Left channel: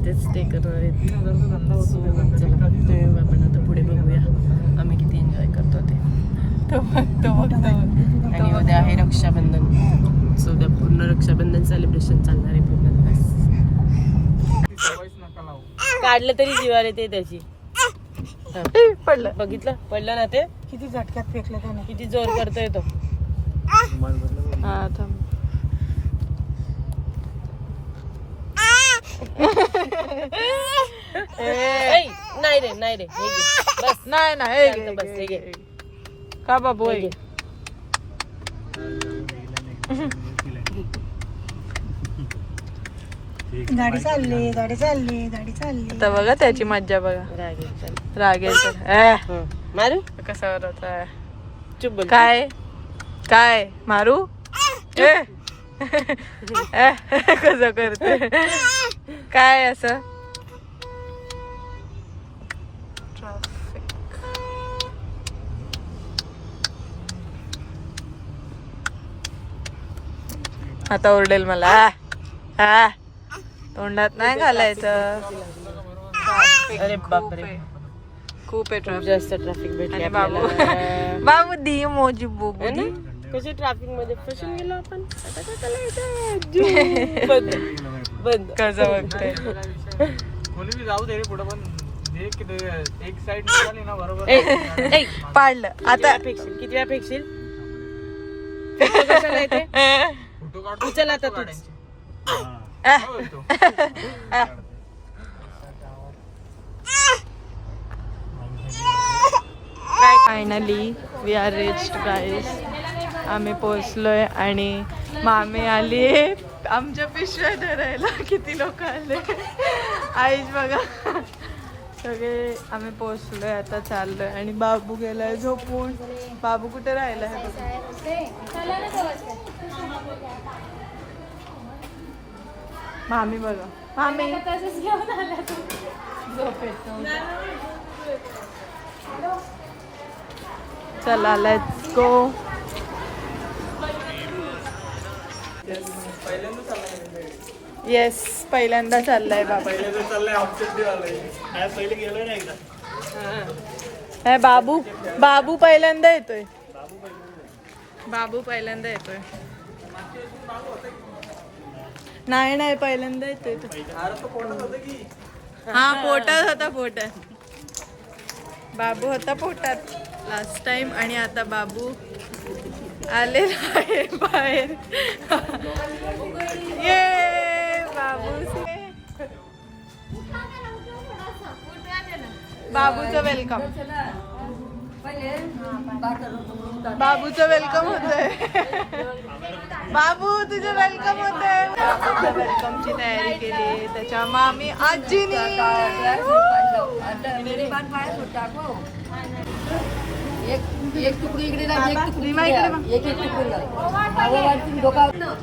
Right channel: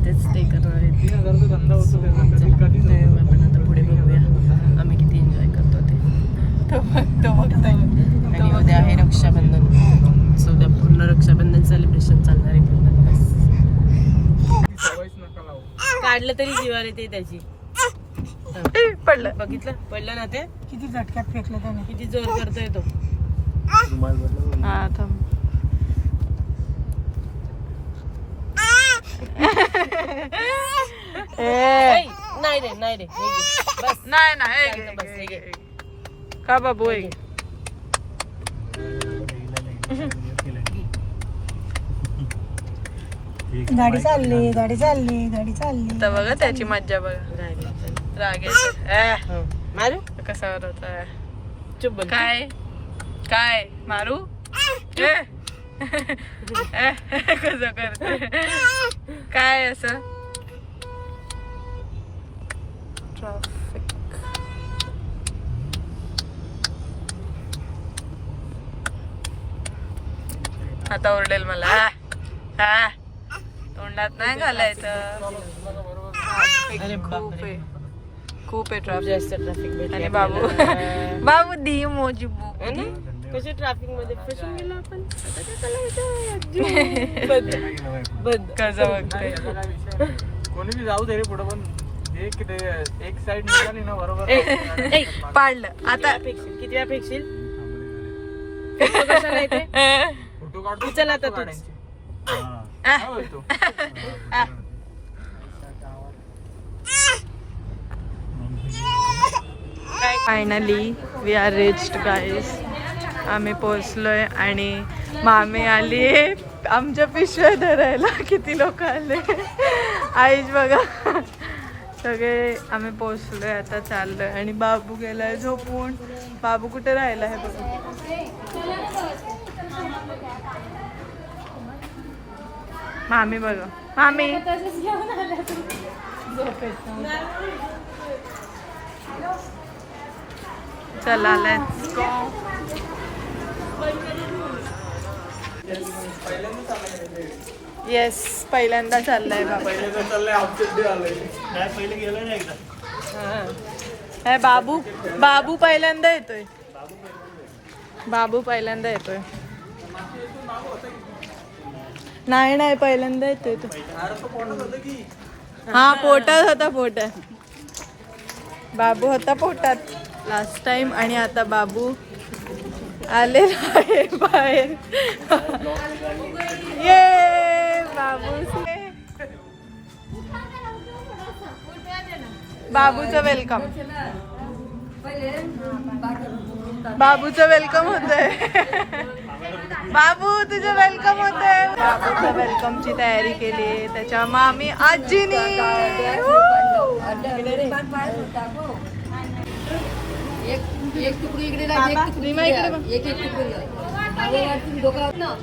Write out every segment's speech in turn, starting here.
इथेच स्टे करणार आहेत. आपण आता पुढे बघूया आम्ही किती एन्जॉय करतो ते. आणि उद्या आहे रक्षाबंधन. सो उद्या पूर्ण रक्षाबंधन सेलिब्रेशन चालणार आहे पूर्ण दिवस. काढलं तरी जीवार येते त्याची. पडलं बघितलं पडलं ना ते किती झटक्यात फेकलं त्याने. किती जोर करतोय तो. हा थांब. नाही रे नाही रे हे घे. बस नाही ना बस हे घे. का बाबू हे घे. गाडी चालली गाडी चालली गाडी चालली. आता बघा त्याची मज्जा बघा. राग हं. मारू कसा होता. चुप बोल. काय काय मारू कसं करते काय असं. ट्रॅफिक आता ओरडेल मला. हा तोंडात नाही घालायचं. अरे बापरे. खूप आहे ट्रॅफिक. जास्त ट्रॅफिक भेटली आणि बाबू आपल्याला. बाबू दी मोजी बुबू है ना? कशी ट्रॅफिक मध्ये फसून गेलो आपण. आता काय करायचं? बंद बंद. कसं बघतोय. कोणी बी जाऊ दे पुढे पण एक साइड निघाली ना बरोबर. ए, पाडलं आता आता. किती वेळा फेकशील? कशाला येते? उचल आता तूच. Finally we are reached guys. आम्ही पोचलोय आणि मामी आली आमच्या पिशव्या धरायला. किती लोक आले आईच बघा. सगळे आम्ही पोचलोय आता चाललोय आणि बाबू गेलाय झोपून. बाबू कुठे राहिला आहे बघा. मामी बघा मामी चला लेट्स गो. येस पहिल्यांदा चाललाय बाबू. पहिल्यांदा चाललंय ऑब्जेक्टिव्ह आलंय. पहिले गेलं नाही एकदा. हे बाबू बाबू पहिल्यांदा येतोय. बाबू पहिल्यांदा येतोय. नाही नाही पहिल्यांदा येतोय तो. हा पोटात होता. पोटात बाबू होता पोटात लास्ट टाइम. आणि आता बाबू आलेला आहे बाहेर. ये बाबू बाबूचं वेलकम. बाबूचं वेलकम होतंय. बाबू तुझं वेलकम होतंय. बाबूच्या वेलकमची तयारी केली त्याच्या मामी आजीनी. एक तुकडी इकडे लाव, एक तुकडी इकडे लाव. एक तुकडी लाव. हवा वाटून डोका ना.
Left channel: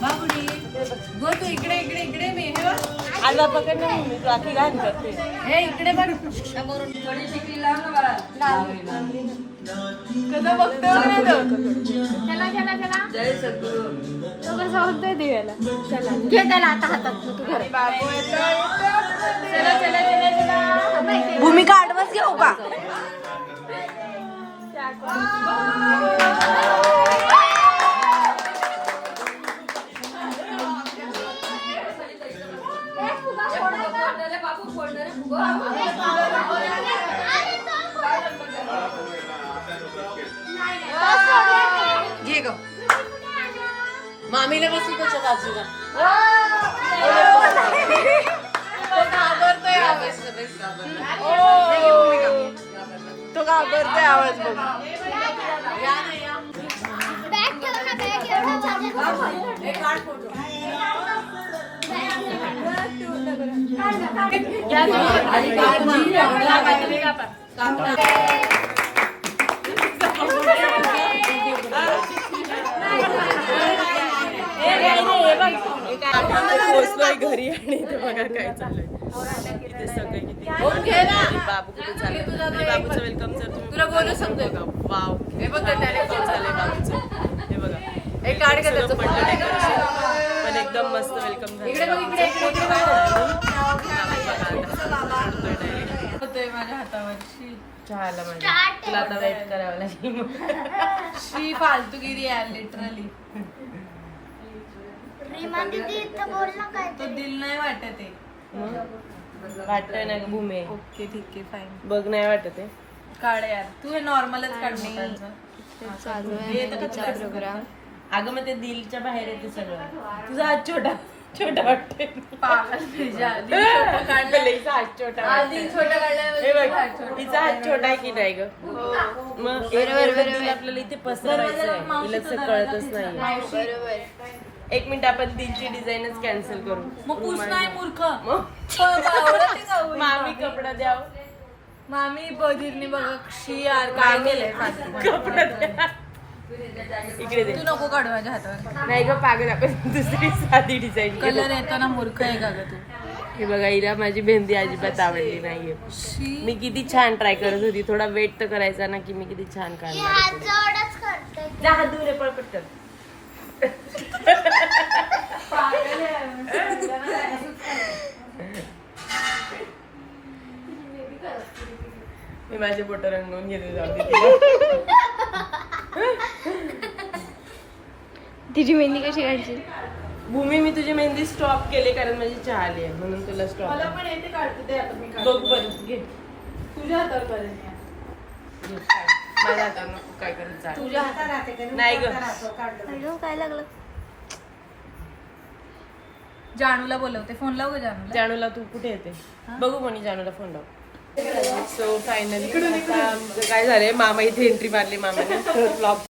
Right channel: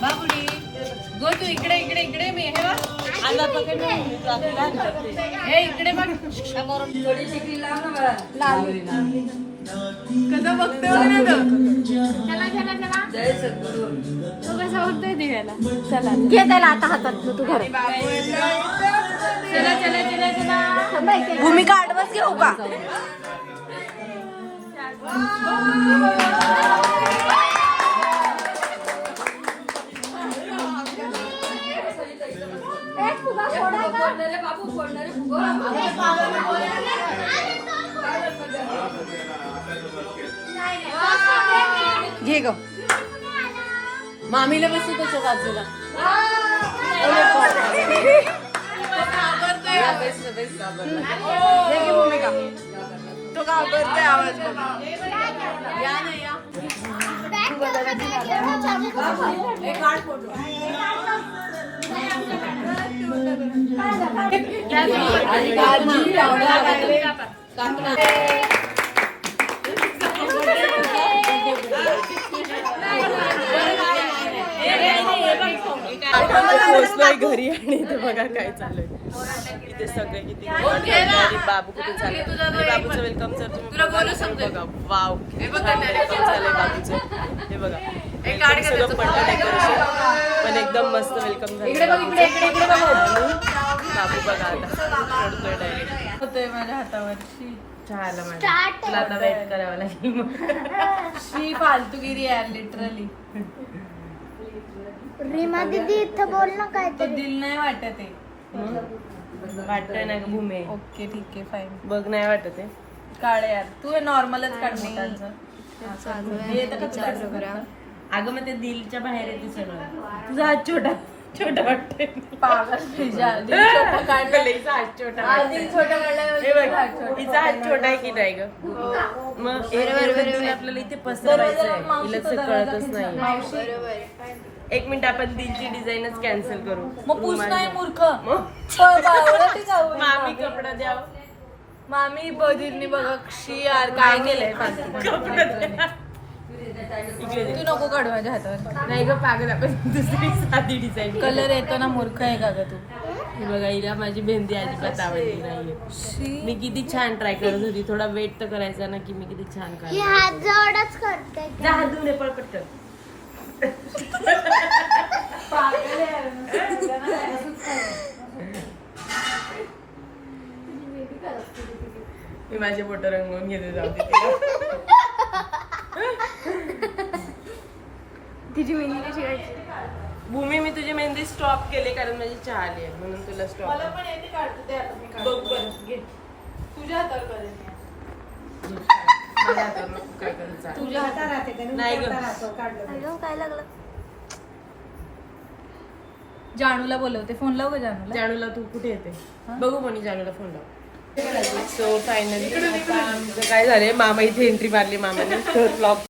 बाबुडी गो तू इकडे इकडे इकडे. मी हे आला पकड ना. मी ट्रॅफिक आली करते. हे इकडे बघ. थोडी शिकली लाव ना मला. कसं बघतोय चला चला चला. जय सद्गुरु. तू कसं होतोय दिव्याला. चला घे त्याला आता हातात. तू घरी. चला चला चला चला. भूमिका आडवाच घेऊ का. घे ग. मामीला बसू त्याच्या बाजूला. तो घाबरतोय आवाज बघ. पोहोचलोय घरी आणि इथे बघा काय चाललंय. इथे सगळे किती निवांत आहेत आणि बाबू कुठे चालले आणि बाबूचं वेलकम जर तुम्ही बघाल तर बघा वाव किती छान वेलकम झालंय बाबूचं. हे बघा welcome सगळं पडलं डेकोरेशन पण एकदम मस्त वेलकम झालं बाबूचं. आणि बाबू बघा आता रडतोय डायरेक्ट. होतोय माझ्या हातावर चहाला माझ्या. तुला आता वेट करावं लागेल. शी फालतूगिरी आहे लिटरली. रीमा दीदी इथं बोल ना काय तो दिल नाही वाटत आहे. वाटतंय ना ग भूमे. ओके ठीक आहे फाईन. बघ नाही वाटत आहे. काढ यार तू हे नॉर्मलच काढ मोठ्यांचं. प्रोग्राम. अगं मग ते दिलच्या बाहेर येते सगळं. तुझा हात छोटा छोटा वाटतंय. पागल तुझ्या. दिल छोटं काढलं. लईचा हात छोटा आधी वाटतंय. छोटं काढलं हे बघ हिचा हात छोटा आहे की नाही ग. मग बरोबर आपल्याला इथे पसरवायचं आहे. हिला तसं कळतच नाही. एक मिनिट आपण दिलची डिझाईनच कॅन्सल करू. मग पूस नाही मूर्ख. मामी कपडा द्याव. मामी बधीरनी बघा शी यार काय केलंय इकडे दे. तू नको काढू माझ्या हातावर. नाही ग पागल आपण दुसरी साधी डिझाईन कलर येताना मूर्ख आहे का ग तू. हे बघा हिला माझी मेहंदी अजिबात आवडली नाहीये. मी किती छान ट्राय करत होती. थोडा वेट तर करायचा ना की मी किती छान काढणार. जवळच करते. जा हात धुवून ये, पळ पटकन. मी माझे बोट रंगवून घेते जाऊ दे तिला. तिची मेहंदी कशी काढची. भूमी मी तुझी मेहंदी स्टॉप केली कारण माझी चहा आली आहे म्हणून तुला स्टॉप. बघ बरं घे. तुझ्या हातावर करेल. माझ्या हातावर नको काय करायचं. तुझ्या हातावर नाही ग. अगं काय लागलं. जानूला बोलवते. फोन लाव ग जानूला. जानूला तू कुठे येते बघू कोणी जानूला फोन लाव. सो फायनली आता आमचं काय झालंय मामा इथे एंट्री मारली मामाने तर ब्लॉग